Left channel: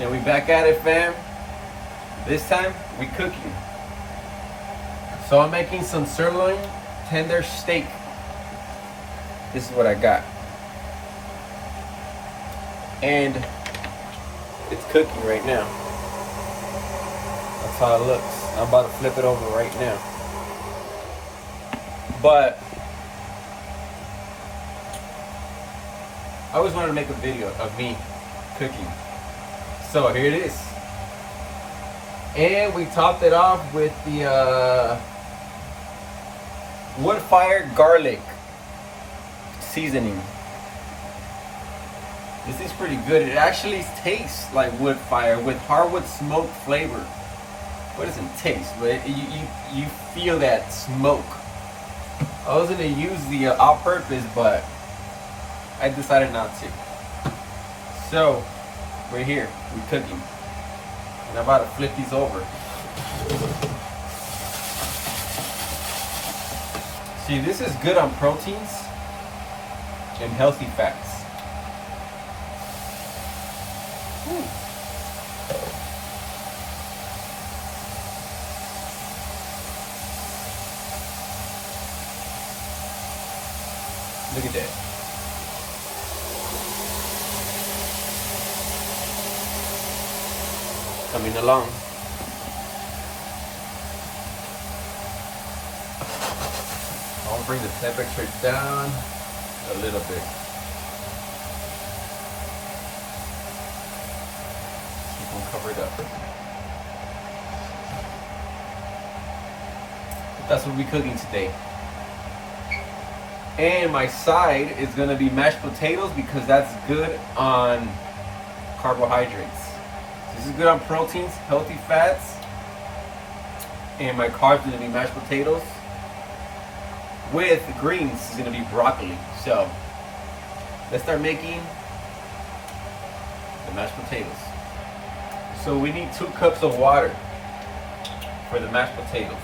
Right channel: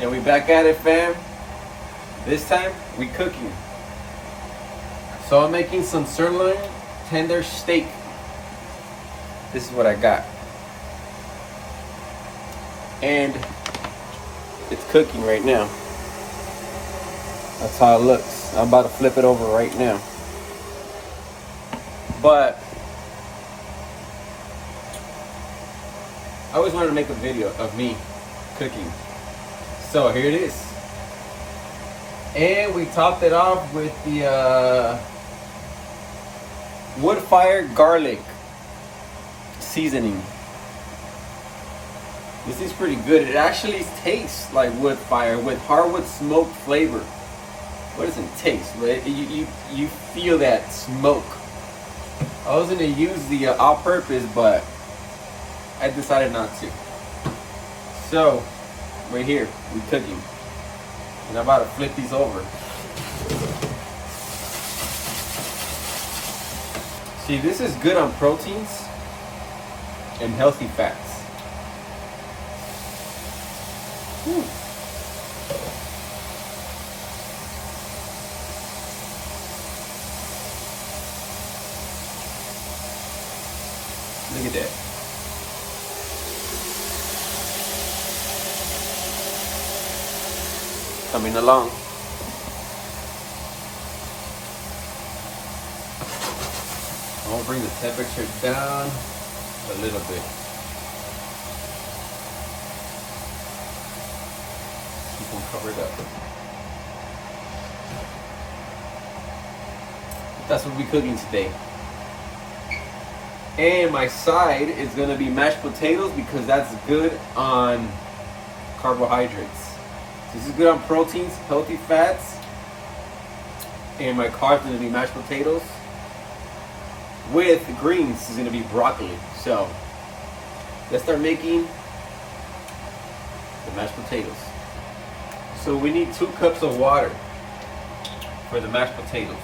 And we back at it, fam. This time we cooking. So I'm making some sirloin tender steak. This is what I got. And it's cooking right now. That's how it looks. I'm about to flip it over right now. But I always wanted to make a video of me cooking. So here it is. And we topped it off with the wood fire garlic seasoning. This is pretty good. It actually tastes like wood fire with hardwood smoke flavor. What does it taste? You feel that smoke. I was gonna use the all-purpose, but I decided not to. So, right here, we're cooking. And I'm about to flip these over. See, this is good on proteins and healthy fats. Whew. Look at that. Coming along. I'll bring the temperature down a little bit. Keep them covered up. That's what we're cooking today. And my side is gonna be mashed potatoes because that's good on carbohydrates. This is good on proteins, healthy fats, and my carbs are gonna be mashed potatoes. With the greens is gonna be broccoli. So let's start making the mashed potatoes. So we need 2 cups of water for the mashed potatoes.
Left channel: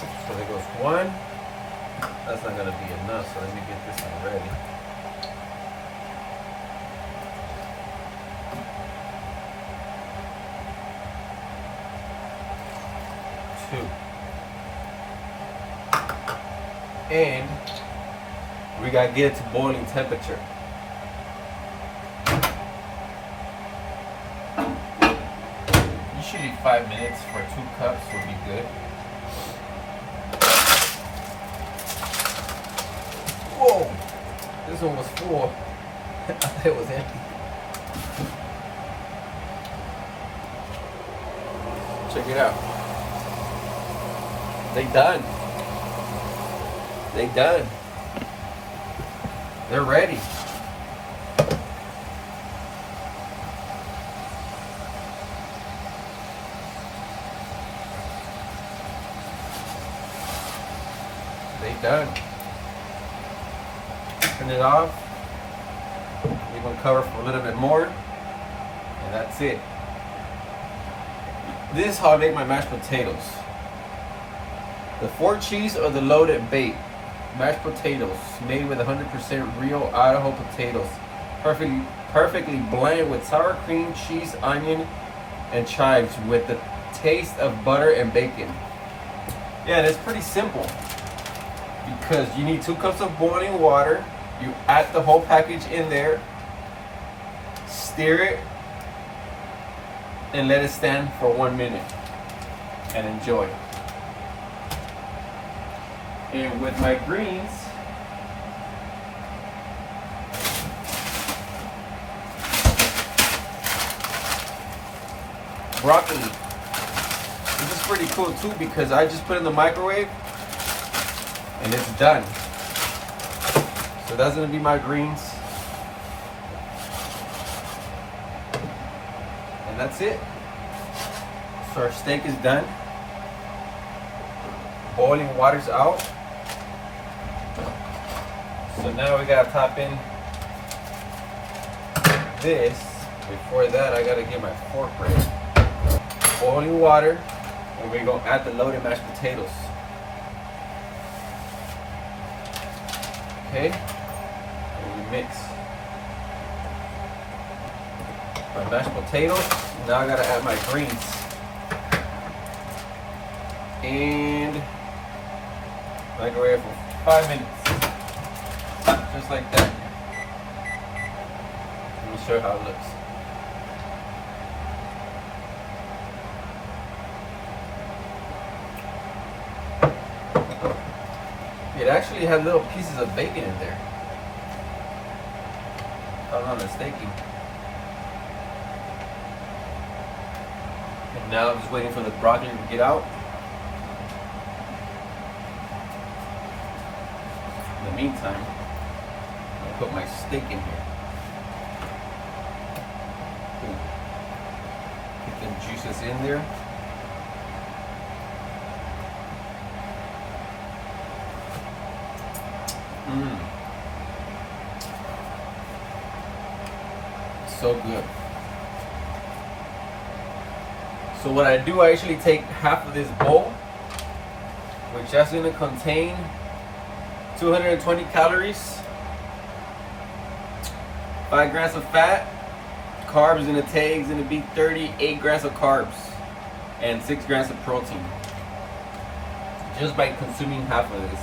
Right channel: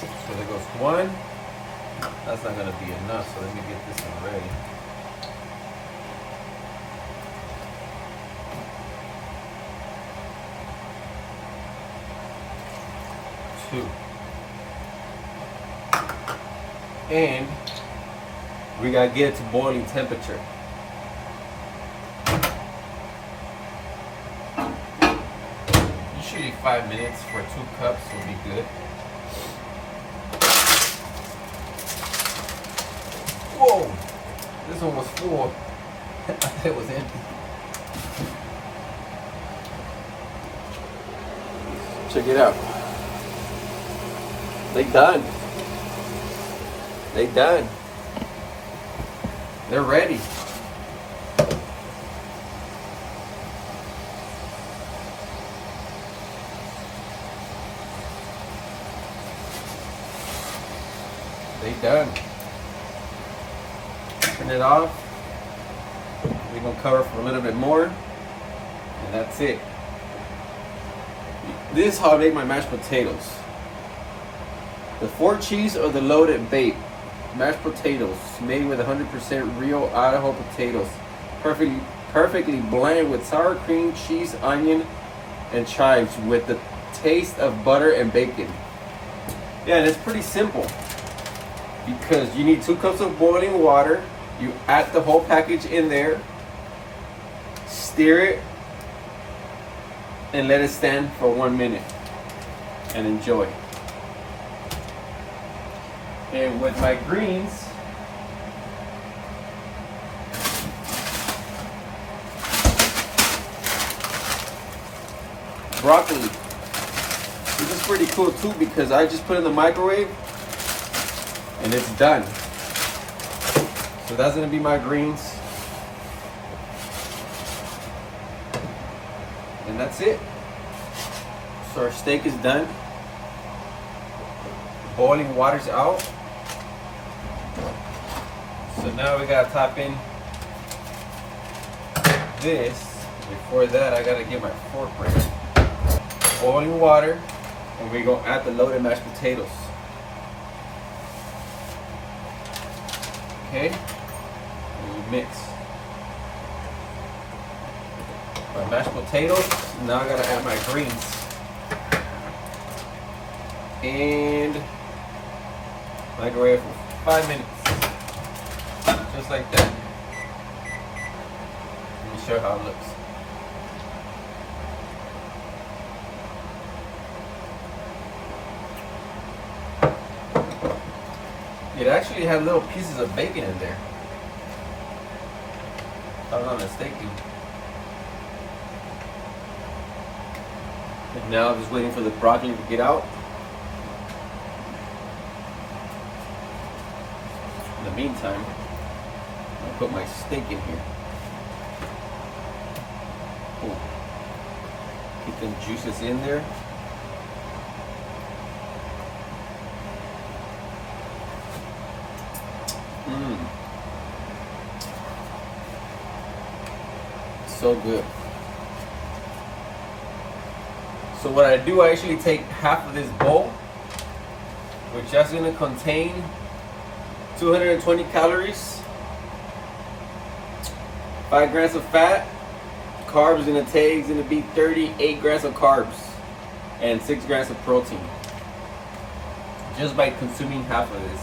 So there goes 1. That's not gonna be enough, so let me get this one ready. And we gotta get it to boiling temperature. Usually 5 minutes for 2 cups will be good. Whoa, this one was full. I thought it was empty. Check it out. They done. They done. They're ready. They done. Turn it off. We're gonna cover for a little bit more, and that's it. This is how I make my mashed potatoes. The 4 cheese or the loaded bake. Mashed potatoes made with 100% real Idaho potatoes. Perfectly blend with sour cream, cheese, onion, and chives with the taste of butter and bacon. Yeah, and it's pretty simple. Because you need 2 cups of boiling water. You add the whole package in there. Stir it. And let it stand for 1 minute. And enjoy. And with my greens, broccoli. This is pretty cool too because I just put it in the microwave and it's done. So that's gonna be my greens. And that's it. So our steak is done. Boiling water's out. So now we gotta top in this. Before that, I gotta get my fork ready. Boiling water, and we're gonna add the loaded mashed potatoes. Okay, and we mix. My mashed potatoes. Now I gotta add my greens. And microwave for 5 minutes. Just like that. Let me show you how it looks. It actually has little pieces of bacon in there. If I'm not mistaken. And now I'm just waiting for the broccoli to get out. In the meantime, I'll put my steak in here. Ooh. Get the juices in there. So good. So what I do, I actually take half of this bowl, which is going to contain 220 calories, 5 grams of fat. Carbs in the take is going to be 38 grams of carbs and 6 grams of protein, just by consuming half of this.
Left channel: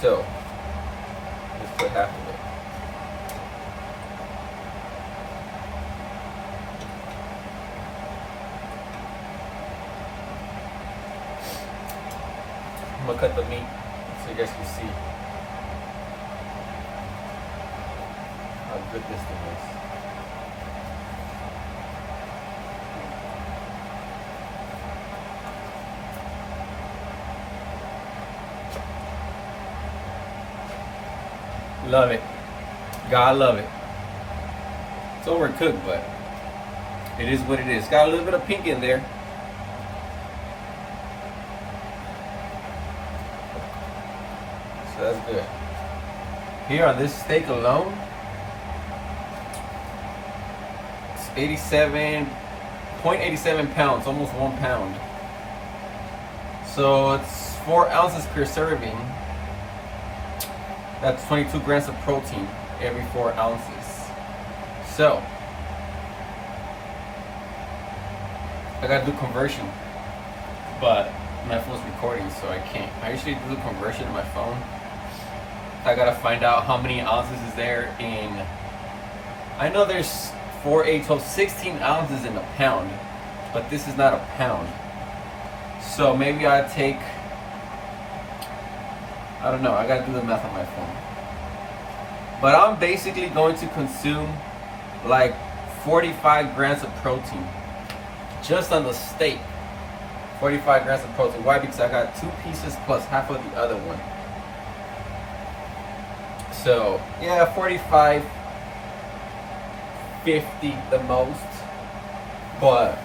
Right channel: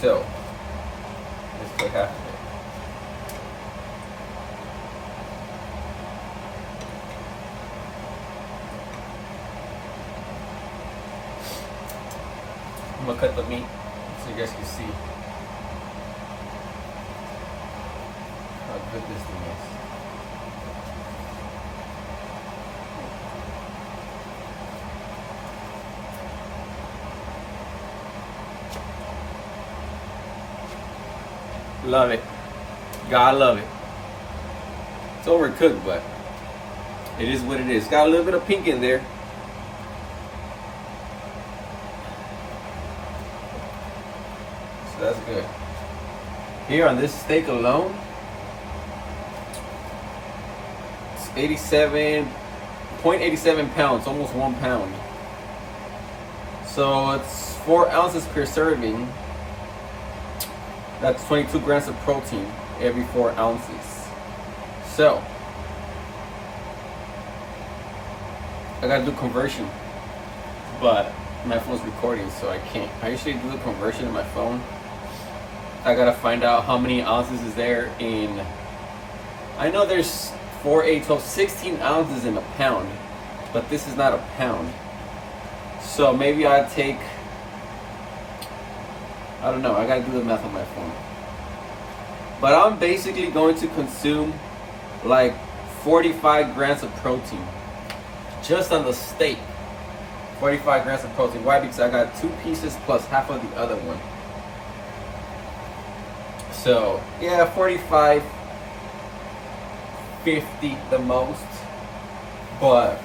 So let's put half of it. I'm gonna cut the meat so you guys can see how good this thing is. Love it. God love it. It's overcooked, but it is what it is. Got a little bit of pink in there. So that's good. Here on this steak alone, it's 0.87 pounds, almost 1 pound. So it's 4 ounces per serving. That's 22 grams of protein every 4 ounces. So I gotta do conversion, but my phone's recording, so I can't. I usually do the conversion on my phone. I gotta find out how many ounces is there in. I know there's 4, 8, 12, 16 ounces in a pound, but this is not a pound. So maybe I take, I don't know, I gotta do the math on my phone. But I'm basically going to consume like 45 grams of protein just on the steak. 45 grams of protein. Why? Because I got 2 pieces plus half of the other one. So yeah, 45, 50 the most, but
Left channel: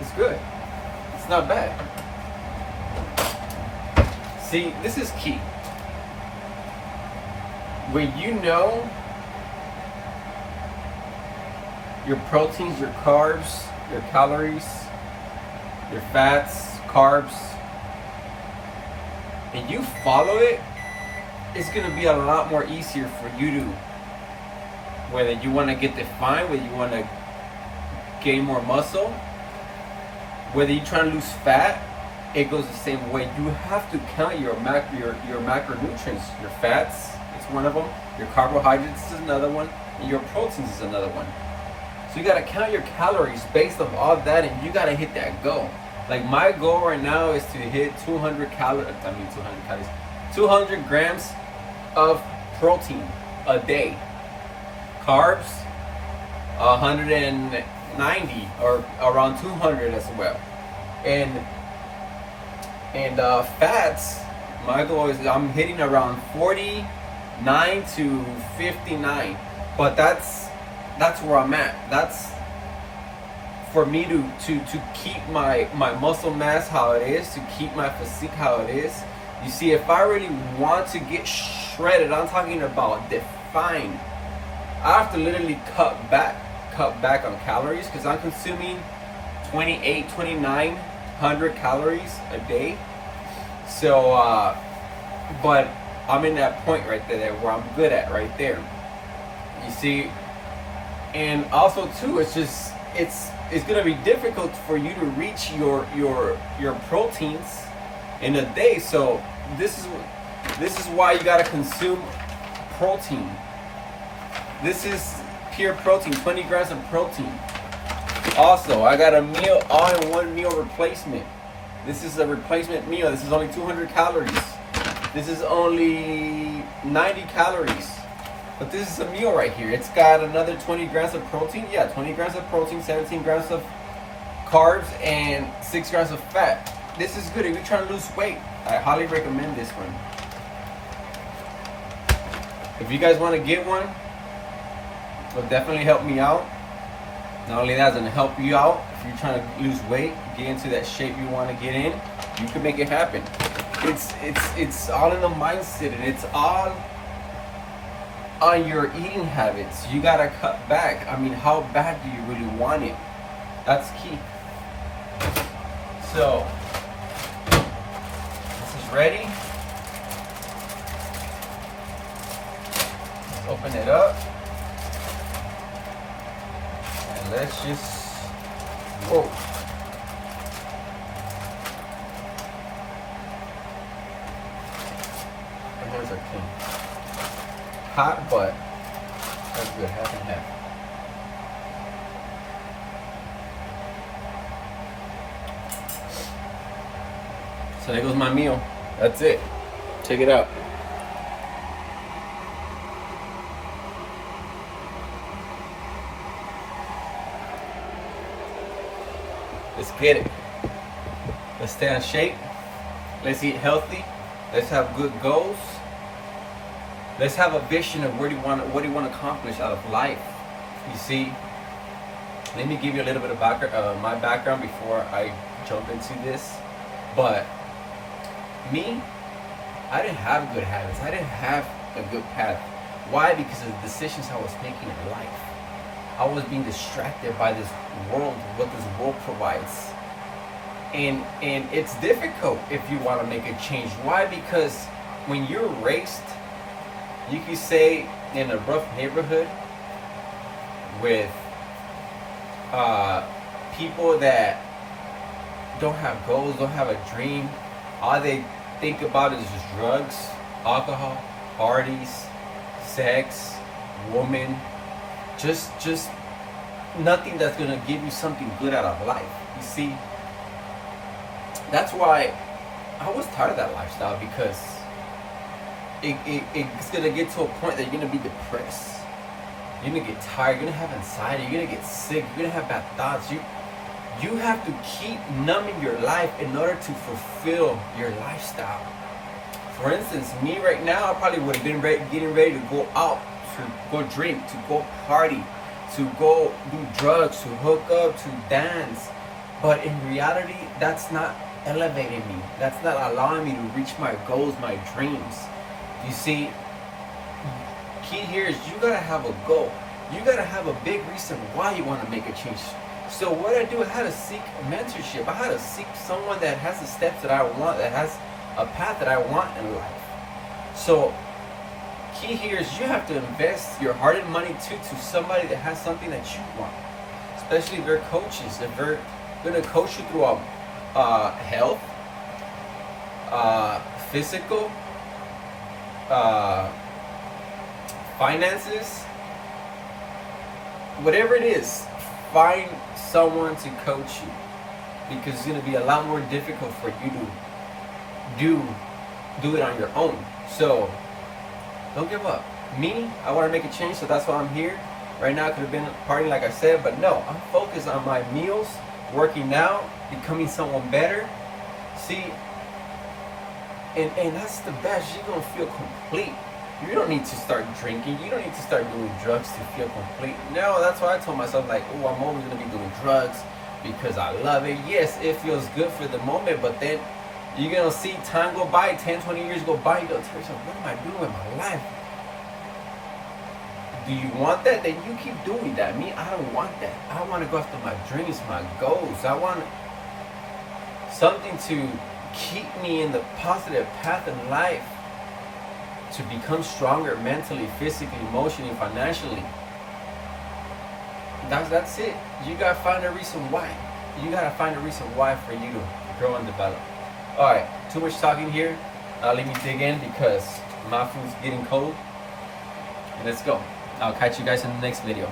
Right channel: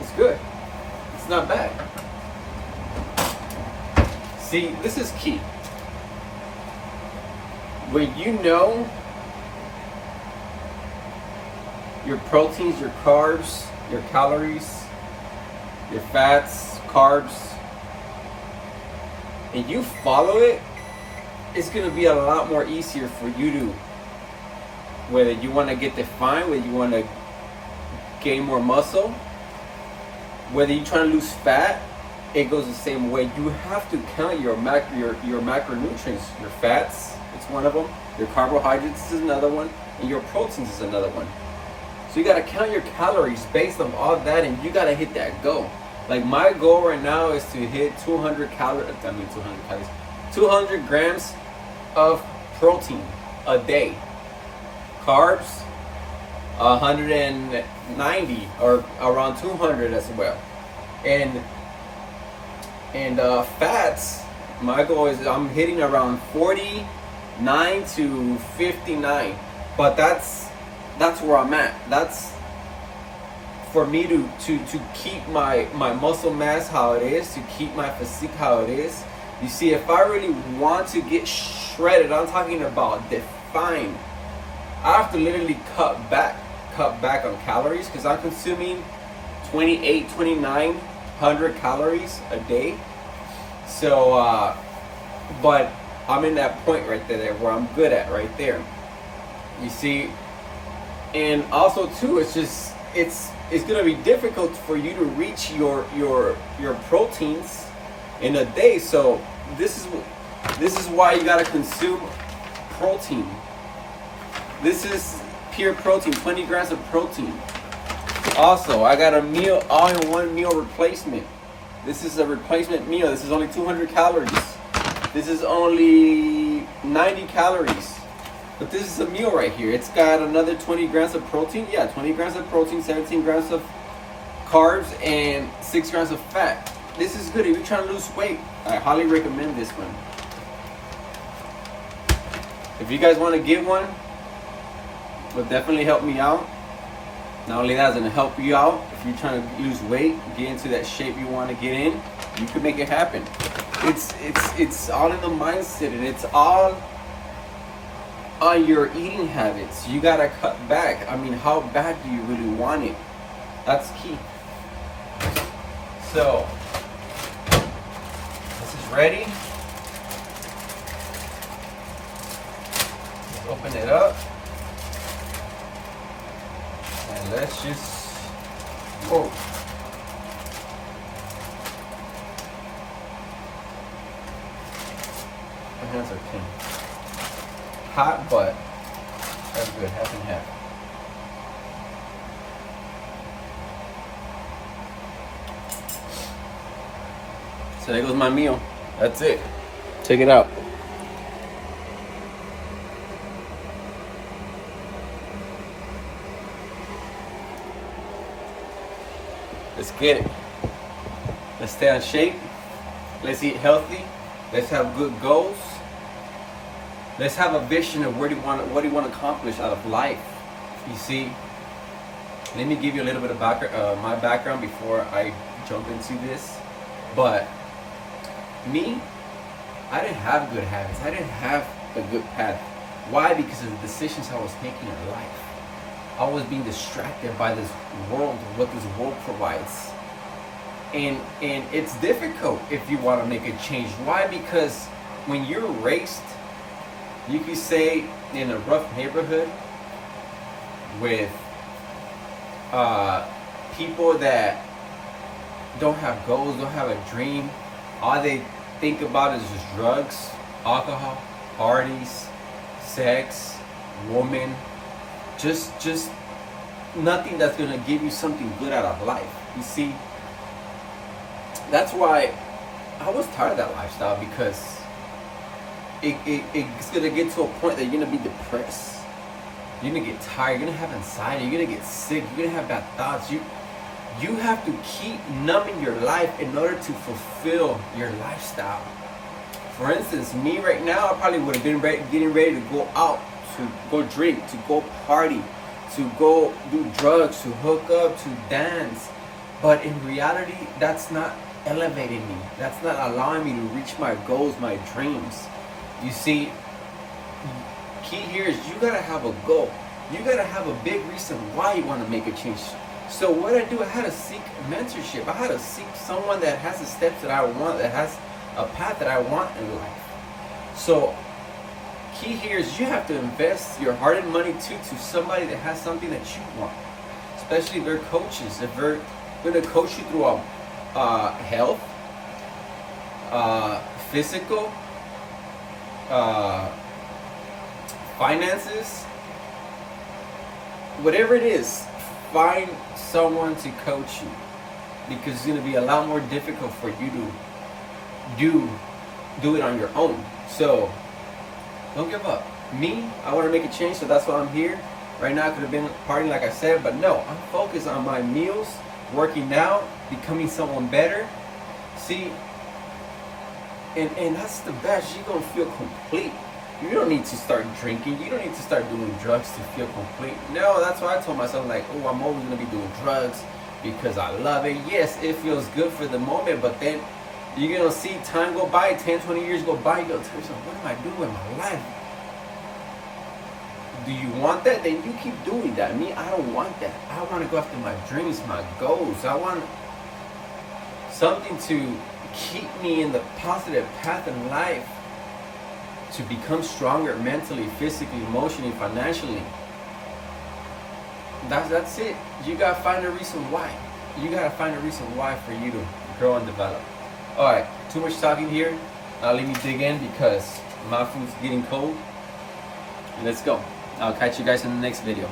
it's good. It's not bad. See, this is key. When you know your proteins, your carbs, your calories, your fats, carbs, and you follow it, it's going to be a lot more easier for you to, whether you want to get defined, whether you want to gain more muscle, whether you're trying to lose fat, it goes the same way. You have to count your macronutrients. Your fats, it's one of them. Your carbohydrates is another one. And your proteins is another one. So you got to count your calories based on all that, and you got to hit that goal. Like my goal right now is to hit 200 grams of protein a day. Carbs, 190 or around 200 as well. And fats, my goal is I'm hitting around 49 to 59. But that's where I'm at. That's for me to keep my muscle mass how it is, to keep my physique how it is. You see, if I really want to get shredded, I'm talking about defined, I have to literally cut back on calories, because I'm consuming 2,900 calories a day. So but I'm in that point right there where I'm good at right there. You see, And also too, it's gonna be difficult for you to reach your proteins in a day. So this is why you gotta consume protein. This is pure protein, 20 grams of protein. Also, I got a meal, all-in-one meal replacement. This is a replacement meal. This is only 200 calories. This is only 90 calories. But this is a meal right here. It's got another 20 grams of protein. Yeah, 20 grams of protein, 17 grams of carbs, and 6 grams of fat. This is good if you're trying to lose weight. I highly recommend this one. If you guys want to get one, it will definitely help me out. Not only that, it's going to help you out. If you're trying to lose weight, get into that shape you want to get in, you can make it happen. It's all in the mindset, and it's all on your eating habits. You gotta cut back. I mean, how bad do you really want it? That's key. So this is ready. Let's open it up. And let's just go. My hands are clean. Hot, but that's good. Half and half. So there goes my meal. That's it. Check it out. Let's get it. Let's stay in shape. Let's eat healthy. Let's have good goals. Let's have a vision of what do you want to accomplish out of life. You see, let me give you a little bit of my background before I jump into this. But me, I didn't have good habits. I didn't have a good path. Why? Because of the decisions I was making in life. I was being distracted by this world, what this world provides. And it's difficult if you want to make a change. Why? Because when you're raised, you could say, in a rough neighborhood with people that don't have goals, don't have a dream, all they think about is just drugs, alcohol, parties, sex, women, just nothing that's gonna give you something good out of life. You see, that's why I was tired of that lifestyle, because it's gonna get to a point that you're gonna be depressed. You're gonna get tired. You're gonna have anxiety. You're gonna get sick. You're gonna have bad thoughts. You have to keep numbing your life in order to fulfill your lifestyle. For instance, me right now, I probably would have been getting ready to go out, to go drink, to go party, to go do drugs, to hook up, to dance. But in reality, that's not elevating me. That's not allowing me to reach my goals, my dreams. You see, key here is you gotta have a goal. You gotta have a big reason why you want to make a change. So what I do, I had to seek mentorship. I had to seek someone that has the steps that I want, that has a path that I want in life. So key here is you have to invest your hard-earned money to somebody that has something that you want. Especially if they're coaches, if they're gonna coach you through health, physical, finances, whatever it is, find someone to coach you, because it's going to be a lot more difficult for you to do it on your own. So don't give up. Me, I want to make a change, so that's why I'm here. Right now I could have been partying like I said, but no, I'm focused on my meals, working out, becoming someone better. See, and that's the best. You're going to feel complete. You don't need to start drinking. You don't need to start doing drugs to feel complete. No, that's why I told myself, like, oh, I'm always going to be doing drugs because I love it. Yes, it feels good for the moment, but then you're going to see time go by, 10, 20 years go by, you go to yourself, what am I doing with my life? Do you want that? Then you keep doing that. Me, I don't want that. I want to go after my dreams, my goals. I want something to keep me in the positive path in life, to become stronger mentally, physically, emotionally, financially. That's it. You gotta find a reason why. You gotta find a reason why for you to grow and develop. All right, too much talking here. Let me dig in because my food's getting cold. Let's go. I'll catch you guys in the next video.